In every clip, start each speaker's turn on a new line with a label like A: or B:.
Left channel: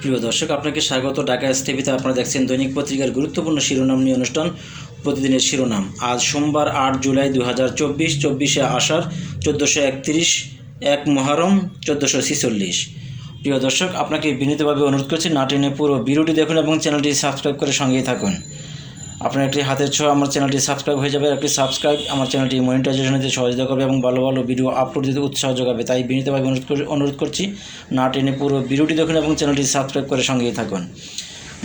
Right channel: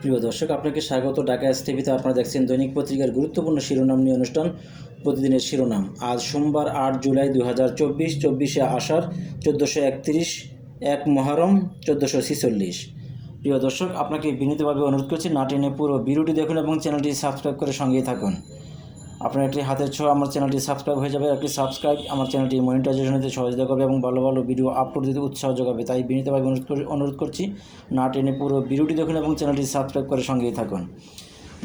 A: প্রিয় দর্শক, আপনাকে স্বাগত। ঢাকা টিভিতে আপনারা দেখছেন দৈনিক পত্রিকার গুরুত্বপূর্ণ শিরোনাম নিয়ে অনুষ্ঠান, প্রতিদিনের শিরোনাম। আজ সোমবার আট জুলাই দু হাজার চব্বিশ, চব্বিশে আষাঢ়, চোদ্দোশো একত্রিশ, এক মহরম, চোদ্দোশো ছিচল্লিশ। প্রিয় দর্শক, আপনাকে বিনীতভাবে অনুরোধ করছি নাটিনে পুরো ভিডিওটি দেখুন এবং চ্যানেলটি সাবস্ক্রাইব করে সঙ্গেই থাকুন। আপনার একটি হাতের ছোঁয়া আমার চ্যানেলটি সাবস্ক্রাইব হয়ে যাবে। একটি সাবস্ক্রাইব আমার চ্যানেলটি মনিটাইজেশন দিতে সহযোগিতা করবে এবং ভালো ভালো ভিডিও আপলোড দিতে উৎসাহ যোগাবে। তাই বিনীতভাবে অনুরোধ করে অনুরোধ করছি, না টেনে পুরো ভিডিওটি দেখুন এবং চ্যানেলটি সাবস্ক্রাইব করে সঙ্গেই থাকুন।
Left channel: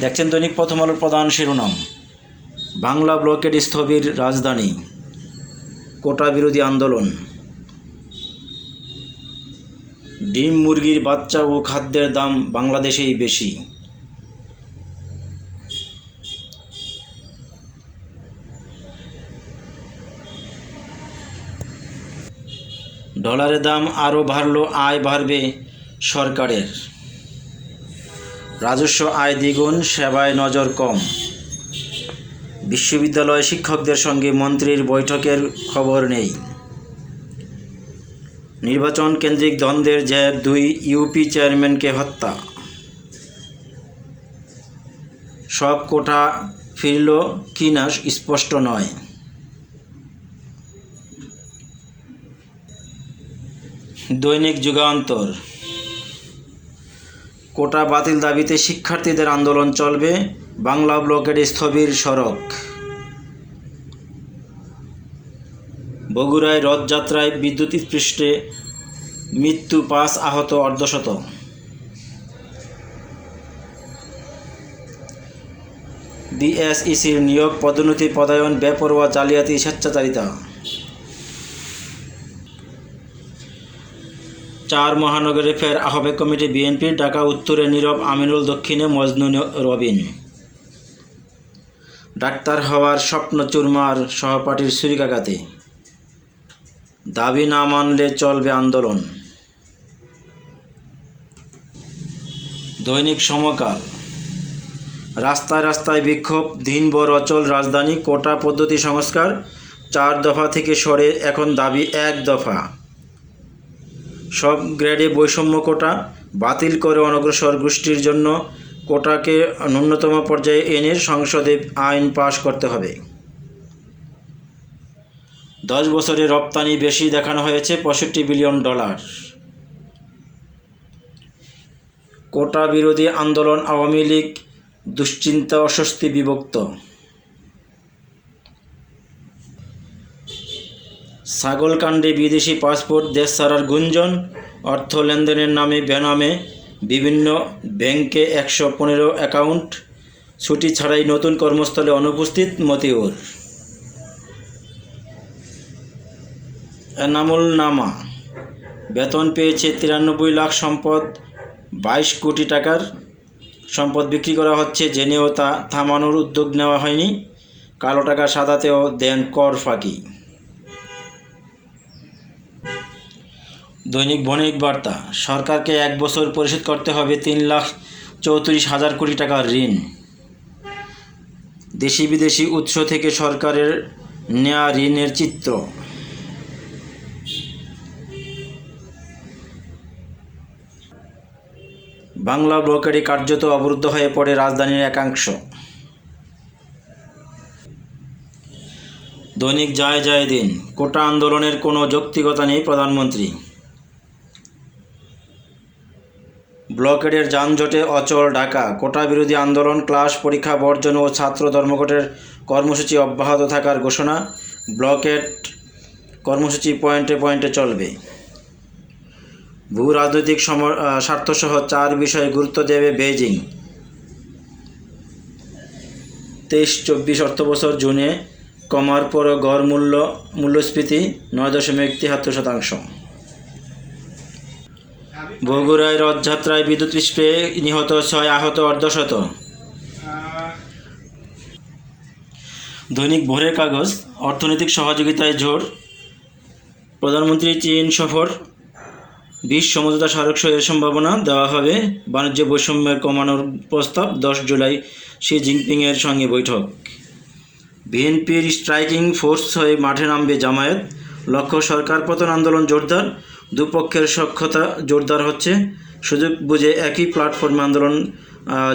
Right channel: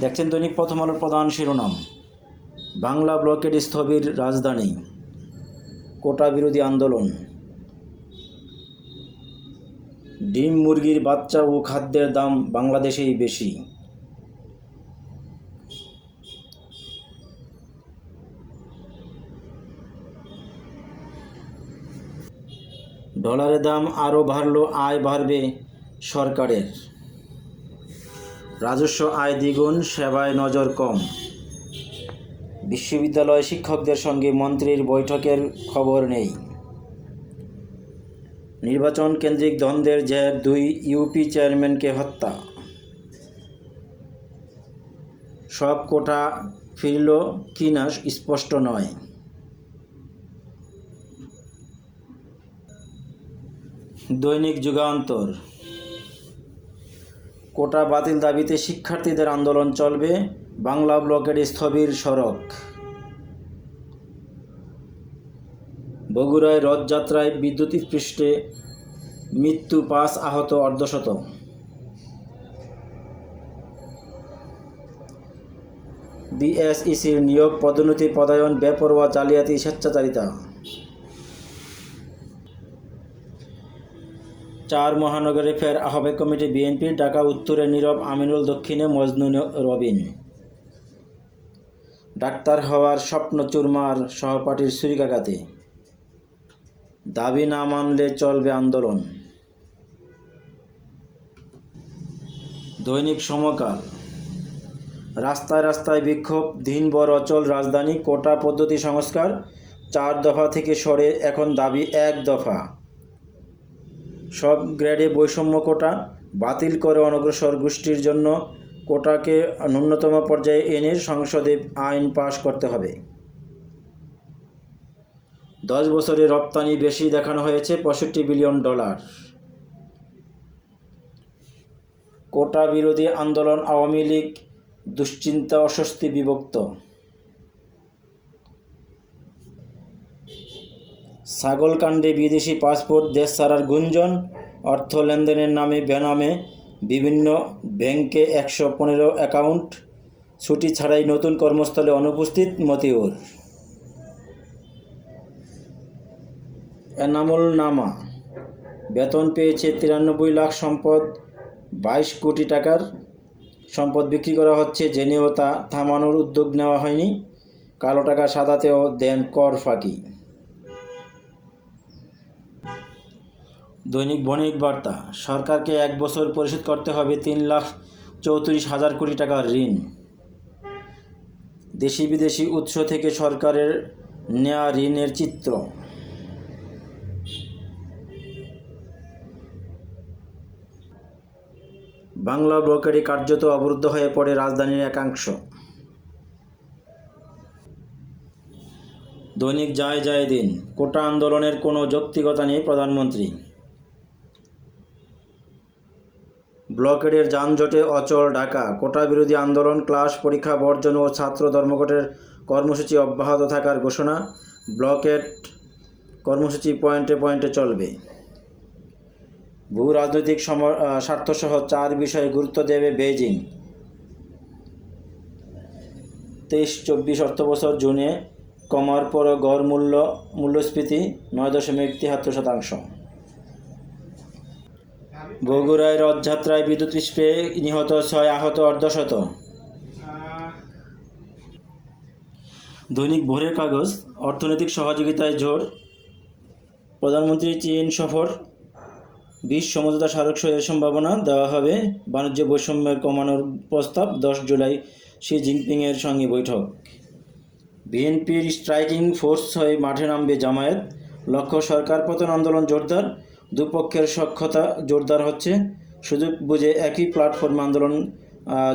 A: দেখছেন দৈনিক প্রথম আলোর প্রধান শিরোনাম। বাংলা ব্লকের স্থবির রাজধানী, কোটা বিরোধী আন্দোলন। ডিম মুরগির বাচ্চা ও খাদ্যের দাম বাংলাদেশেই বেশি। ডলারের দাম আরও বাড়ল, আয় বাড়বে সরকারের। রাজস্ব আয় দ্বিগুণ, সেবায় নজর কম। বিশ্ববিদ্যালয় শিক্ষকদের সঙ্গে মন্ত্রীর বৈঠকের খবর নেই। নির্বাচন কেন্দ্রিক দ্বন্দ্বের যে দুই ইউপি চেয়ারম্যানকে হত্যা। সব কোটা ফিরল কিনা স্পষ্ট নয়। দৈনিক যুগান্তর। কোটা বাতিল দাবিতে শিক্ষার্থীদের আন্দোলন চলবে বাংলা ব্লকের স্থবির সড়ক। বগুড়ায় রথযাত্রায় বিদ্যুৎ পৃষ্ঠে মৃত্যু পাঁচ আহত অর্ধশত। বিএসইসির নিয়োগ পদোন্নতি, পদায়ন, বেপরোয়া, জালিয়াতি, স্বেচ্ছাচারিতা। চার মহানগরে ফের আহ্বায়ক কমিটি বিএনপি, ঢাকা, উত্তরে নীরব আমিনুল, দক্ষিণে মজনু রবিন। ডাক্তার হওয়ার স্বপ্ন চুরমার সহপাঠীর ছুরিকাঘাতে। দাবি না মানলে চলবে আন্দোলন। দৈনিক সমকাল। রাস্তায় রাস্তায় বিক্ষোভ, দিনভর অচল রাজধানী, কোটা পদ্ধতি সংস্কার, চার দফা থেকে সরে এখন দাবি এক দফা। সব গ্রেডে বৈষম্য কোটা বাতিল করে অনগ্রসর গোষ্ঠীর জন্য কোটাকে ন্যূনতম পর্যায়ে এনে সংসদে আইন পাশ করতে হবে। দশ বছরে রপ্তানি বেশি দেখানো হয়েছে পঁয়ষট্টি বিলিয়ন ডলার। কোটা বিরোধী আন্দোলন আওয়ামী লীগ দুশ্চিন্তা অস্বস্তি বিভক্ত। ছাগলকাণ্ডে বিদেশি পাসপোর্ট, দেশ ছাড়ার গুঞ্জন, অর্থ লেনদেনের নামে বেনামে বিভিন্ন ব্যাংকে একশো পনেরো অ্যাকাউন্ট, ছুটি ছাড়াই নতুন কর্মস্থলে অনুপস্থিত মতিউর। এনামুল নামা বেতন পেয়েছে তিরানব্বই লাখ সম্পদ, বাইশ কোটি টাকার সম্পদ বিক্রি করা হচ্ছে, জেনেও তা থামানোর উদ্যোগ নেওয়া হয়নি। কালো টাকা সাদাতেও দেন কর ফাঁকি। দৈনিক বণিক বার্তা। সরকারকে এক বছর পরিশোধ করতে হবে তিন লাখ চৌত্রিশ হাজার কোটি টাকার ঋণ। দেশি বিদেশি উৎস থেকে সরকারের নেয়া ঋণের চিত্র। বাংলা ব্লকেরই কার্যত অবরুদ্ধ হয়ে পড়ে রাজধানীর একাংশ। দৈনিক যায় যায় দিন। কোটা আন্দোলনের কোনো যৌক্তিকতা নেই প্রধানমন্ত্রী। ব্লকেডের যানজটে অচল ঢাকা। কোটা বিরোধী আন্দোলন, ক্লাস পরীক্ষা, বর্জন ও ছাত্র ধর্মঘটের কর্মসূচি অব্যাহত থাকার ঘোষণা ব্লকেট কর্মসূচি পয়েন্টে পয়েন্টে চলবে। ভূ রাজনৈতিক স্বার্থসহ চার বিষয়ে গুরুত্ব দেবে বেইজিং। তেইশ চব্বিশ অর্থবছর জুনে কমার পর গড় মূল্য মূল্যস্ফীতি নয় দশমিক তিয়াত্তর শতাংশ। বগুড়ায় রথযাত্রায় বিদ্যুৎ স্প্রে নিহত ছয় আহত অর্ধশত। দৈনিক ভোরের কাগজ, অর্থনৈতিক সহযোগিতায় জোর, প্রধানমন্ত্রী চীন সফর, বিশ সমঝোতা স্মারক সইয়ের সম্ভাবনা দেওয়া হবে, বাণিজ্য বৈষম্যের কমানোর প্রস্তাব, দশ জুলাই শি জিনপিংয়ের সঙ্গে বৈঠক। বিএনপির স্ট্রাইকিং ফোর্স হয়ে মাঠে নামবে জামায়াত, লক্ষ্য সরকার পতন আন্দোলন জোরদার দুপক্ষের সক্ষতা জোরদার হচ্ছে। সুযোগ বুঝে একই প্ল্যাটফর্মে আন্দোলন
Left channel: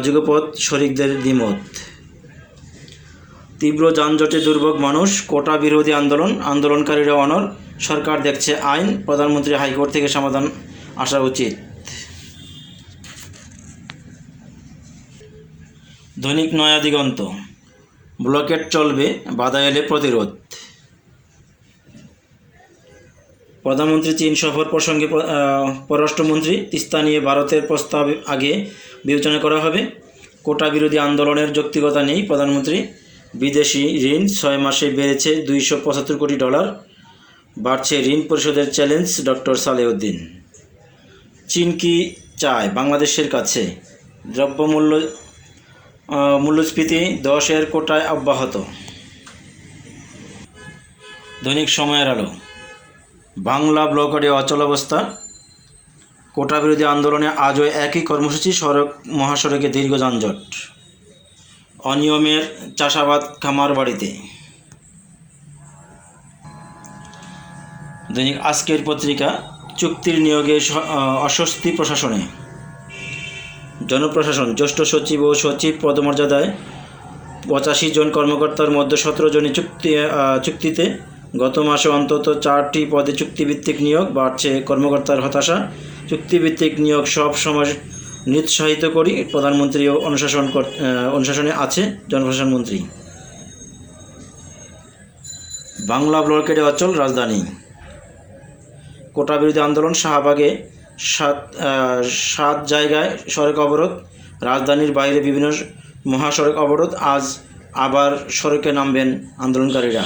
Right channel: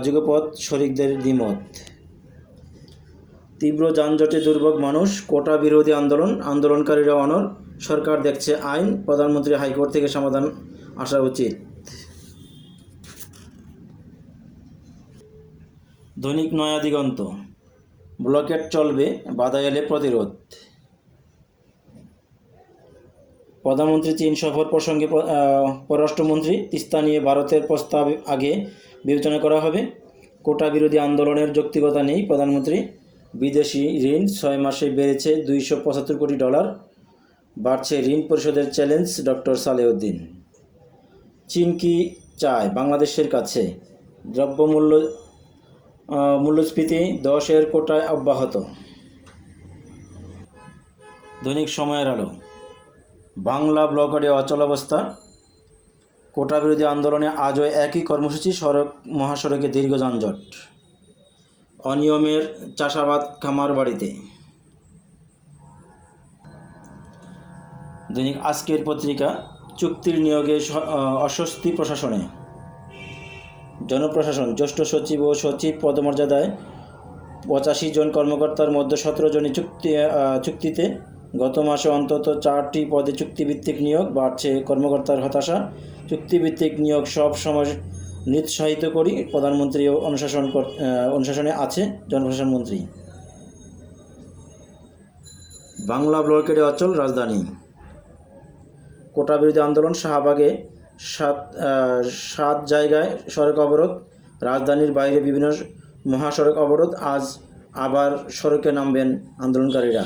A: যুগপথ শরিকদের দ্বিমত। তীব্র যানজটে দুর্ভোগ মানুষ, কোটা বিরোধী আন্দোলন, আন্দোলনকারীরা অনর সরকার দেখছে আইন, প্রধানমন্ত্রী হাইকোর্ট থেকে সমাধান আসা উচিত। দৈনিক নয়া দিগন্ত। ব্লকেট চলবে, বাধা এলে প্রতিরোধ। প্রধানমন্ত্রী চীন সফর প্রসঙ্গে পররাষ্ট্রমন্ত্রী তিস্তা নিয়ে ভারতের প্রস্তাব আগে বিবেচনা করা হবে। কোটা বিরোধী আন্দোলনের যৌক্তিকতা নেই। প্রধানমন্ত্রী, বিদেশি ঋণ ছয় মাসে বেড়েছে দুইশো পঁচাত্তর কোটি ডলার। বাড়ছে ঋণ পরিশোধের চ্যালেঞ্জ ডক্টর সালেউদ্দিন। চীন কি চায় বাংলাদেশের কাছে? দ্রব্যমূল্য মূল্যস্ফীতি দশের কোটায় অব্যাহত। দৈনিক সময়ের আলো। বাংলা ব্লকের অচল অবস্থা। কোটা বিরোধী আন্দোলনে আজও একই কর্মসূচি সড়ক মহাসড়কে দীর্ঘ যানজট। অনিয়মের চাষাবাদ খামার বাড়িতে। দৈনিক আজকের পত্রিকা, চুক্তির নিয়োগে অস্বস্তি প্রশাসনে। জনপ্রশাসন, জ্যেষ্ঠ সচিব ও সচিব পদমর্যাদায় পঁচাশি জন কর্মকর্তার মধ্যে সতেরো জনই চুক্তি চুক্তিতে গত মাসে অন্তত চারটি পদে চুক্তিভিত্তিক নিয়োগ বাড়ছে কর্মকর্তার হতাশা। চুক্তিভিত্তিক নিয়োগ সব সময় নিরুৎসাহিত করি প্রধানমন্ত্রী অনুশাসন অনুশাসনে আছে জনপ্রশাসন মন্ত্রী। বাংলা ব্লকের অচল রাজধানী। কোটা বিরোধী আন্দোলন শাহবাগে সাত সাত জায়গায় সড়ক অবরোধ, রাজধানীর বাইরে বিভিন্ন মহাসড়ক অবরোধ, আজ আবার সড়কে নামবেন আন্দোলনকারীরা।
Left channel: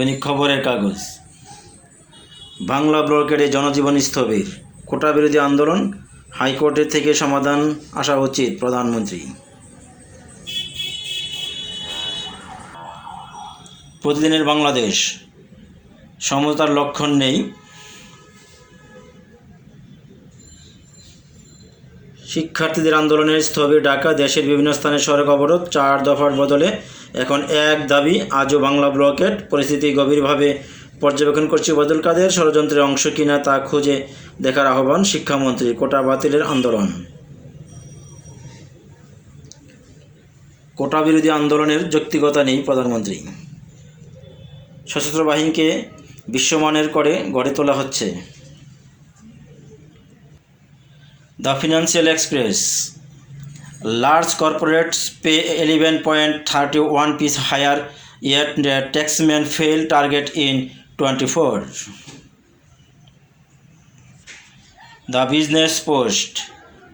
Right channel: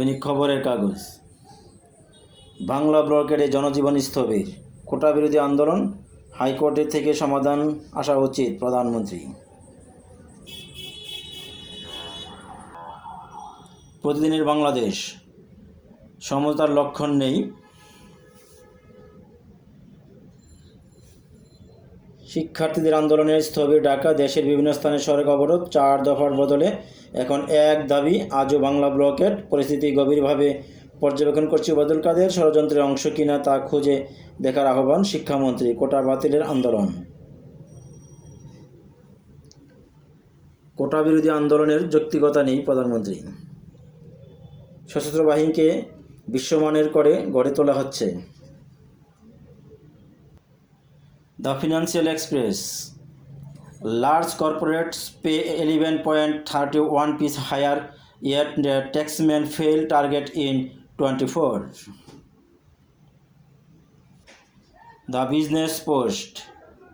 A: দৈনিক খবরের কাগজ। বাংলা ব্লকের জনজীবন স্থবির। কোটা বিরোধী আন্দোলন, হাইকোর্টের থেকে সমাধান আসা উচিত প্রধানমন্ত্রী। প্রতিদিনের বাংলাদেশ। সমতার লক্ষণ নেই। শিক্ষার্থীদের আন্দোলনের স্থবির ডাকা দেশের বিভিন্ন স্থানে সড়ক অবরোধ, চার দফার বদলে এখন এক দাবি, আজও বাংলা ব্লকেট পরিস্থিতি গভীরভাবে পর্যবেক্ষণ করছে বদল কাদের। ষড়যন্ত্রের অংশ কিনা তা খুঁজে দেখার আহ্বান শিক্ষামন্ত্রী। কোটা বাতিলের আন্দোলন। কোটা বিরোধী আন্দোলনের যৌক্তিকতা নেই প্রধানমন্ত্রী। সশস্ত্র বাহিনীকে বিশ্বমানের করে গড়ে তোলা হচ্ছে। The financial express. Large corporates pay eleven point thirty one piece higher yet the taxman fail target in 24 the business post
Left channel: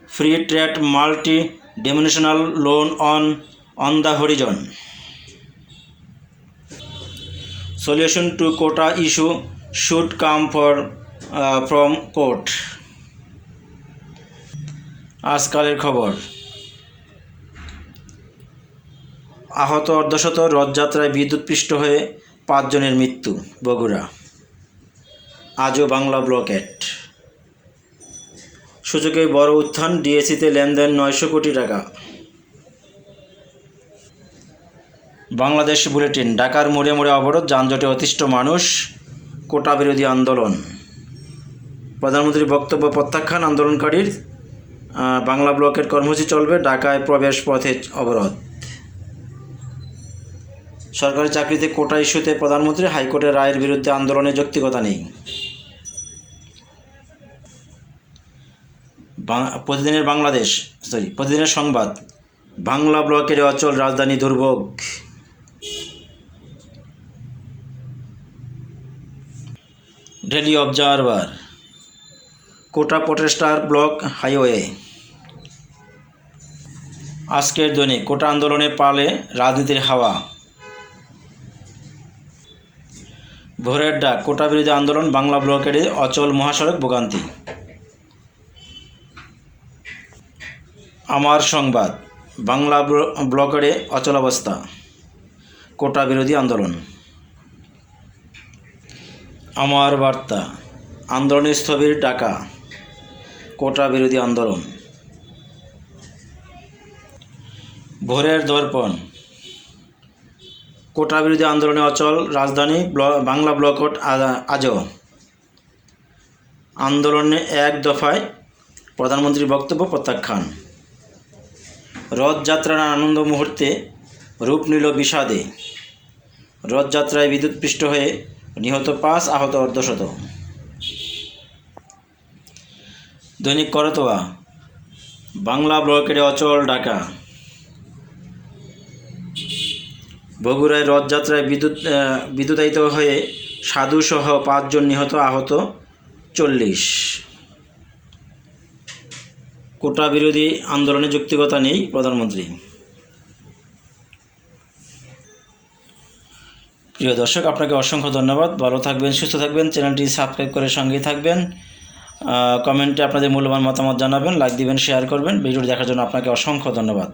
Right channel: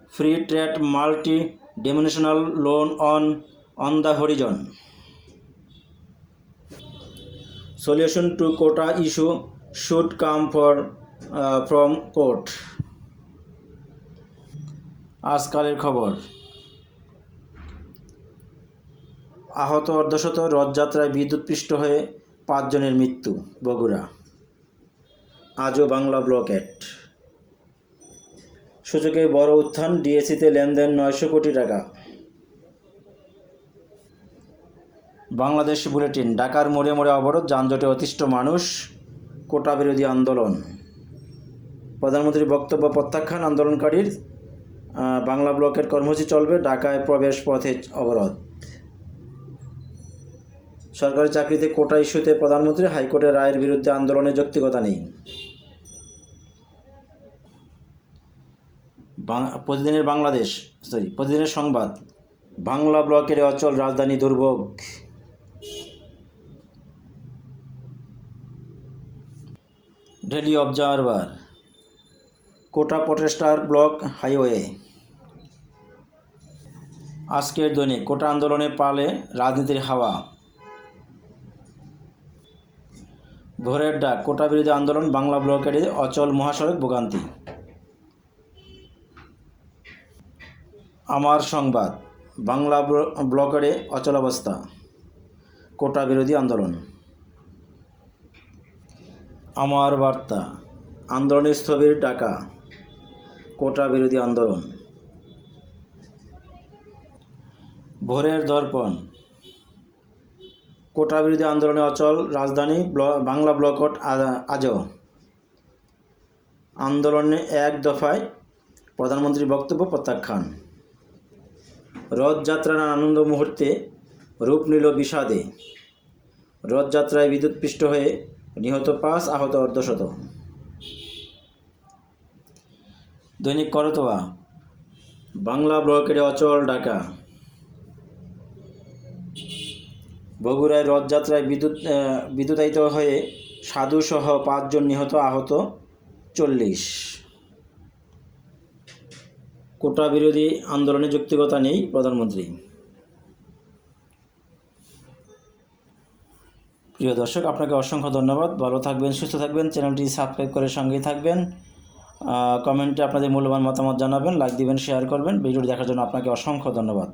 A: free trade multi-dimensional loan on on the horizon solution to quota issue should come for uh, from court আজকালের খবর আহত অর্ধশত রথযাত্রায় বিদ্যুৎপৃষ্ট হয়ে পাঁচজনের মৃত্যু, বগুড়া। আজও Bangla blockade সূচকে বড় উত্থান ডিএসিতে লেনদেন নয়শো কোটি টাকা। বাংলাদেশ বুলেটিন, ঢাকার মোড়ে মোড়ে অবরোধ, যানজটে অতিষ্ঠ মানুষ, কোটা বিরোধী আন্দোলন। প্রধানমন্ত্রীর বক্তব্য প্রত্যাখ্যান, আন্দোলনকারীর বাংলা ব্লকের কর্মসূচি চলবে, ঢাকায় প্রবেশ পথে অবরোধ। সরকারি চাকরিতে কোটা ইস্যুতে প্রধানমন্ত্রী হাইকোর্টের রায়ের বিরুদ্ধে আন্দোলনের যৌক্তিকতা নেই। প্রতিদিনের বাংলাদেশ সরি প্রতিদিনের সংবাদ। বাংলা ব্লকের অচল রাজধানী দুর্ভোগ। Daily observer. Quota protester block highway. আজকের দৈনিক কোটা আন্দোলনে পালে রাজনীতির হাওয়া। ভোরের ডাক, কোটা বিরোধী আন্দোলন, বাংলা ব্লকের অচল মহাসড়ক ভোগান্তি। আমার সংবাদ, বাংলা ব্ল- ব্লকের অচল অবস্থা, কোটা বিরোধী আন্দোলন। আমার বার্তা, আন্দোলন স্থবির ডাকা কোটা বিরোধী আন্দোলন। ভোরের দর্পণ কোটা বিরোধী আন্দোলনে অচল রাজধানী ব্ল- বাংলা ব্লকট আজও। আন্দোলনে এক দফায় প্রধানমন্ত্রীর বক্তব্য প্রত্যাখ্যান। রথযাত্রার আনন্দ মুহূর্তে রূপ নিল বিষাদে। রথযাত্রায় বিদ্যুৎপৃষ্ট হয়ে নিহত পাঁচ আহত অর্ধশত। দৈনিক করতোয়া, বাংলা ব্লকের অচল ডাকা বগুড়ায় রথযাত্রায় বিদ্যুৎ বিদ্যুতায়িত হয়ে সাধুসহ পাঁচজন নিহত আহত চল্লিশ। কোটা বিরোধী আন্দোলনে যুক্তিকতা নেই প্রধানমন্ত্রী। প্রিয় দর্শক, আপনাকে অসংখ্য ধন্যবাদ। ভালো থাকবেন, সুস্থ থাকবেন। চ্যানেলটি সাবস্ক্রাইব করে সঙ্গেই থাকবেন। কমেন্টে আপনাদের মূল্যবান মতামত জানাবেন, লাইক দিবেন, শেয়ার করবেন। ভিডিওটি দেখার জন্য আপনাকে অসংখ্য ধন্যবাদ।